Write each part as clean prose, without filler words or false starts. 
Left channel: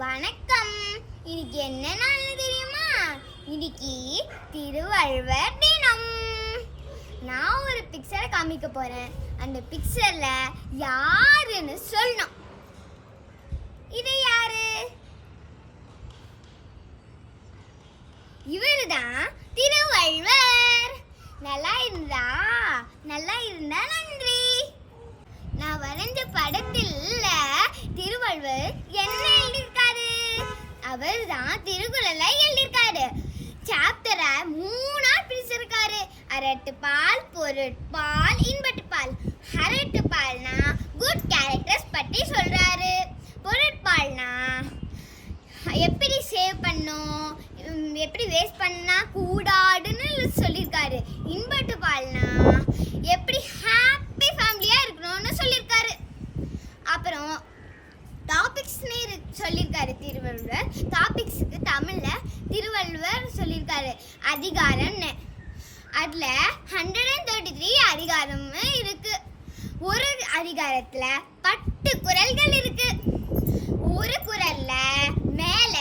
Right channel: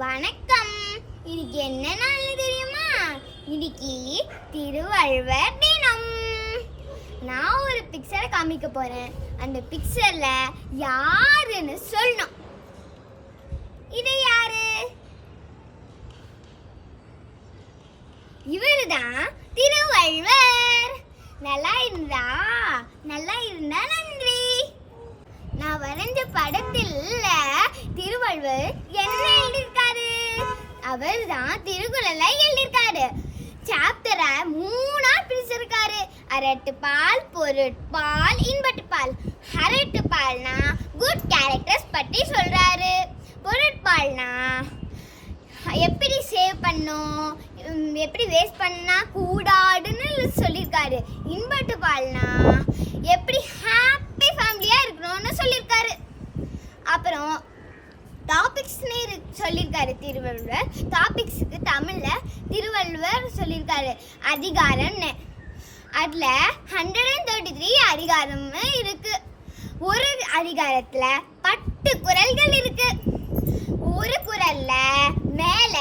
வணக்கம். இன்னைக்கு என்ன நாள் தெரியுமா? இன்னைக்கு திருவள்ளுவர் தினம். நான் ஒரு பிக்சரை காமிக்க போறேன். அந்த பிக்சர்ல யாருன்னு சொல்லணும். இது யாரு? இவருதான் திருவள்ளுவர். நல்லா இருந்தா நன்றி. நான் வரைஞ்ச படத்தில் திருவள்ளுவர் என்ன எழுதியிருக்காரு? அவர் தான் திருக்குறளை எழுதியிருக்காரு. சாப்டரை 3ஆ பிரிச்சிருக்காரு. அரட்டுப்பால், பொருட்பால், இன்பட்டுப்பால். அரட்டுப்பால்னா குட் கேரக்டர்ஸ் பற்றி சொல்றாரு. பொருட்பால்னா எப்படி சேவ் பண்ணும், எப்படி வேஸ்ட் பண்ணா கூடாதுன்னு சொல்லியிருக்காரு. இன்பட்டுப்பால்னா எப்படி ஹாப்பி ஃபேமிலியா இருக்கணும்னு சொல்லியிருக்காரு. அப்புறம் டாபிக்ஸ்னே சொல்லியிருக்காரு திருவள்ளுவர். டாபிக்ஸுக்கு தமிழ்ல திருவள்ளுவர் சொல்லியிருக்காரு அதிகாரம்னு. அதுல 133 அதிகாரம் இருக்கு. ஒரு அதிகாரத்துல 10 குறள்கள் இருக்கு. ஒரு குறள்ல மேல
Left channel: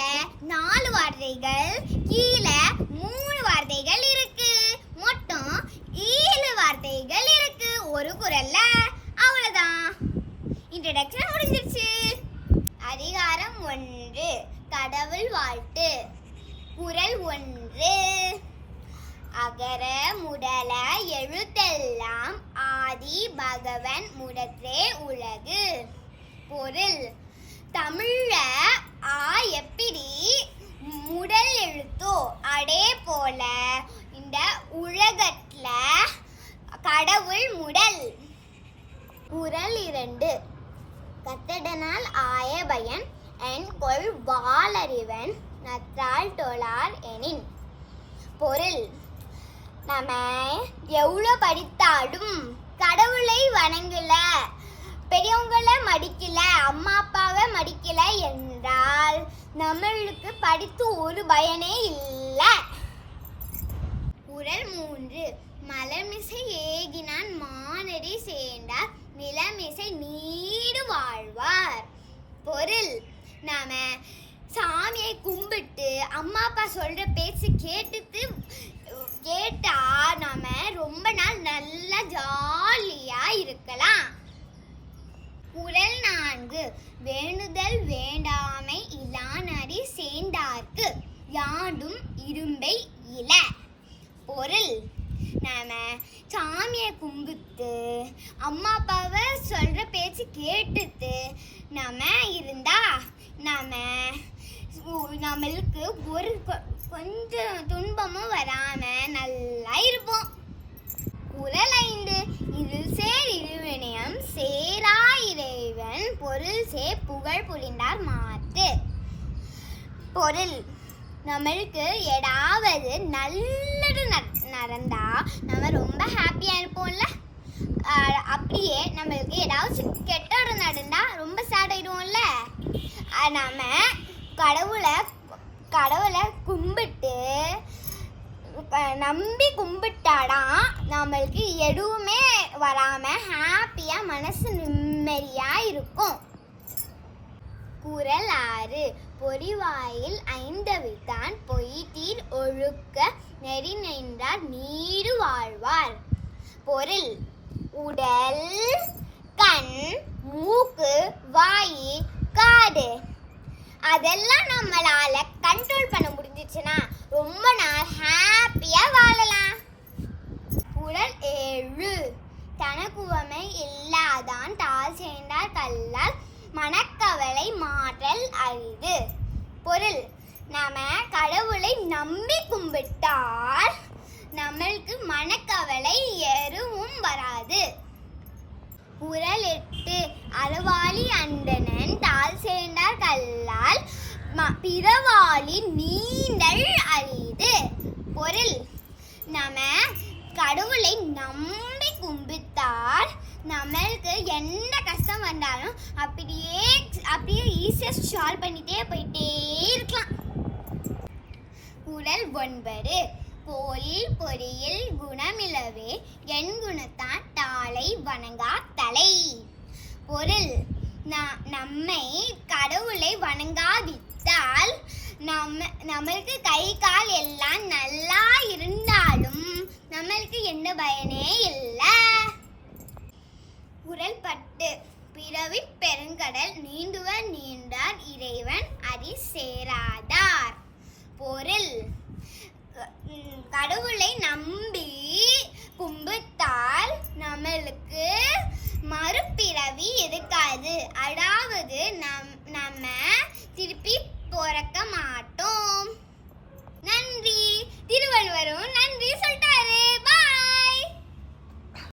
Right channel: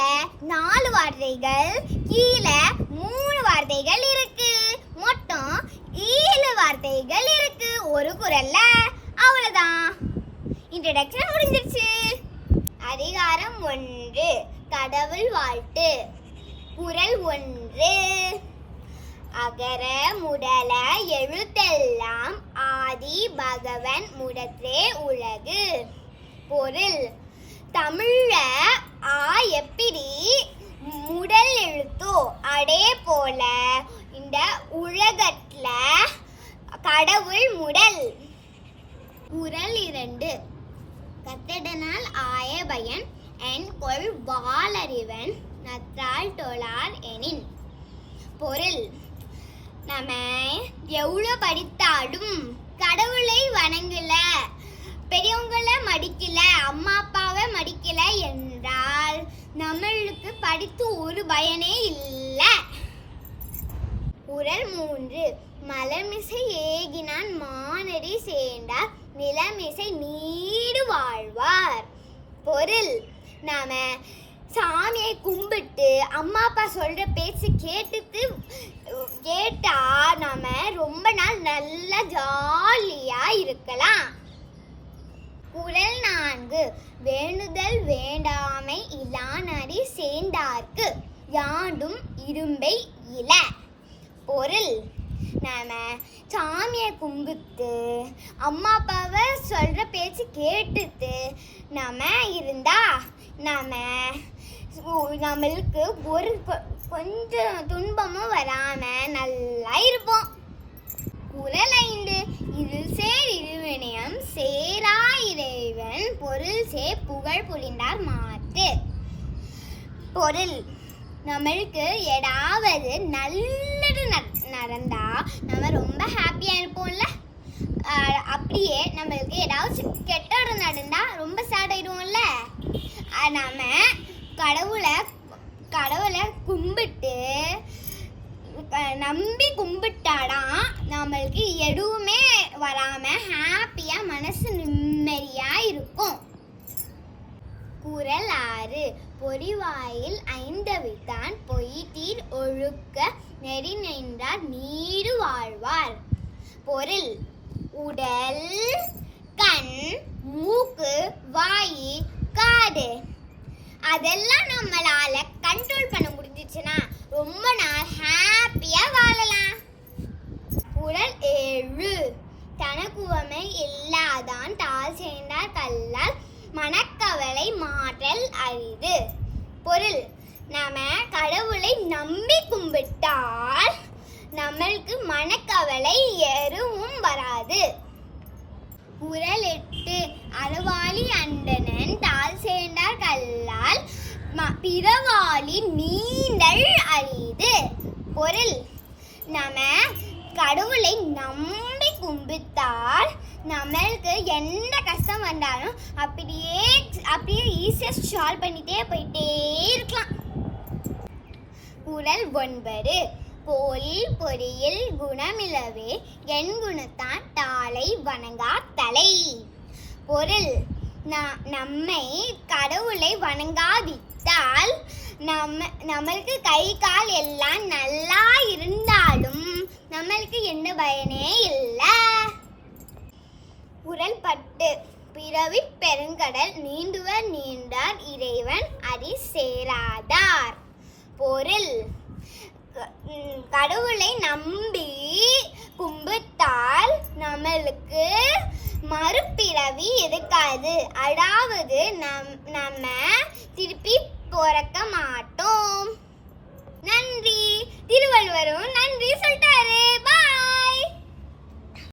4 வார்த்தைகள், கீழே 3 வார்த்தைகள் இருக்கு. மொத்தம் 7 வார்த்தைகள் இருக்கு ஒரு குறள்ல. அவ்வளவுதான், இன்ட்ரோடக்ஷன் முடிஞ்சிருச்சு. அதிகாரம் 1, கடவுள் வாழ்த்து. குறள் 1, அகர முதல எழுத்தெல்லாம் ஆதி பகவன் முதற்றே உலகு. பொருள்: தமிழ்ல ஆ எப்படி முதல் எழுத்தோ அதே போல இந்த உலகத்துல கடவுள் முதல். குறள் 2, கத்தடனால் ஆய பயன் என்கொள் வாளறிவன் நற்றால் தொழார் எனின். பொருள்: நம்ம எவ்வளோ படித்தாலும் கடவுளை வணங்கல, பெரியவங்களை மதிக்கல, அம்மா அப்பாவை மதிக்கல என்றால் நம்மளுக்கு படித்து ஒரு பயனே இல்லை. குறள் 3, மலர்மிசை ஏகினான் மானடி சேர்ந்தார் நிலமிசை நீடு வாழ்வார். பொருள்: நாம சாமியை கும்பிட்டு அம்மா அப்பா சொல்ற பேச்சு கேட்டா நாம ரொம்ப நாள் நல்லா ஜாலியா இருக்கலாம். குறள் 4, வேண்டுதல் வேண்டாமை இலானடி சேர்ந்தார்க்கு யாண்டும் இரும்பை இல. பொருள்: நாம சாமியை கும்பிட்டு அம்மா அப்பாவை சொல்ற பேச்சு கேட்டுட்டு நாம இருந்தா நம்மளுக்கு ஒரு கொஞ்சம் துன்பமும் வராம நல்லா இருப்போம். குறள் 5, இதில் சேர் இருவினையம் சேரா இறைவன் பொருள் சே புகழ் புரிந்தார் மாட்டு. பொருள்: நம்மளுக்கு ஏதாவது நல்லது நடந்தா நம்ம ரொம்ப ஹாப்பியா இருப்போம்ல. அப்படியே நம்மளுக்கு ஏதாவது கெட்டது நடந்தா ரொம்ப சேட் ஆயிடுவோம்ல. நாம கடவுளை கும்பிட்டு நம்பி கும்பிட்டாதான் நம்மளுக்கு எதுவுமே வராம ஹாப்பியா மனசு நிம்மதியா இருக்கும். குறள் 6, பொறிவாயில் ஐந்தவித்தான் பொய்தீர் ஒழுக்க நெறி நின்றார் நீடு வாழ்வார். பொருள்: உடல், கண், மூக்கு, வாய், காது அதெல்லாம் நம்மளால கண்ட்ரோல் பண்ண முடிஞ்சிச்சுன்னா ரொம்ப நாள் ஹாப்பியா வாழலாம். குறள் 7, தனக்குவமை இல்லாதான் தாழ் சேர்ந்தார் கல்லால் மனக்கவலை மாற்றல் அரிது. பொருள்: நாம கடவுளை நம்பி கும்பிட்டால் நம்மளுக்கு மனக்கவலை எதுவும் வராது. குறள் 8, அறவாளி அந்தணன் தாழ் சேர்ந்தார் கல்லால் பிறவாளி நீண்டல் அரிது. பொருள்: நாம கடவுளை நம்பி கும்பிட்டால் நம்மளுக்கு என்ன கஷ்டம் வந்தாலும் அப்படியே ஈஸியா சால்வ் பண்ணிட்டே போயிட்டே இருக்கலாம். குறள் 9, போலில் பொறியில் குணமிலவே என் குணத்தான் தாளை வணங்கா தலை. பொருள்: நம்மை கடவுளை வணங்காவிட்டால் கும்பிட்டால் நம்மளுக்கு கை கால் எல்லாம் நல்லா இருந்தாலும் நம்மளுக்கு எந்த பயனே இல்லை. உரல்பட்டு பிறவி பெருங்கடல் நீந்துவர் நீண்டார் இறைவன் அடி சேராதார். பொருள், கடவுளை நம்பி கும்பிட்டால் நம்மளுக்கு மறுபிறவி இருக்காது. அதாவது நம்ம திருப்பி பிறக்க மாட்டோம். நன்றி. திருவள்ளுவரும் நன்றி சொல்லிட்டாரு.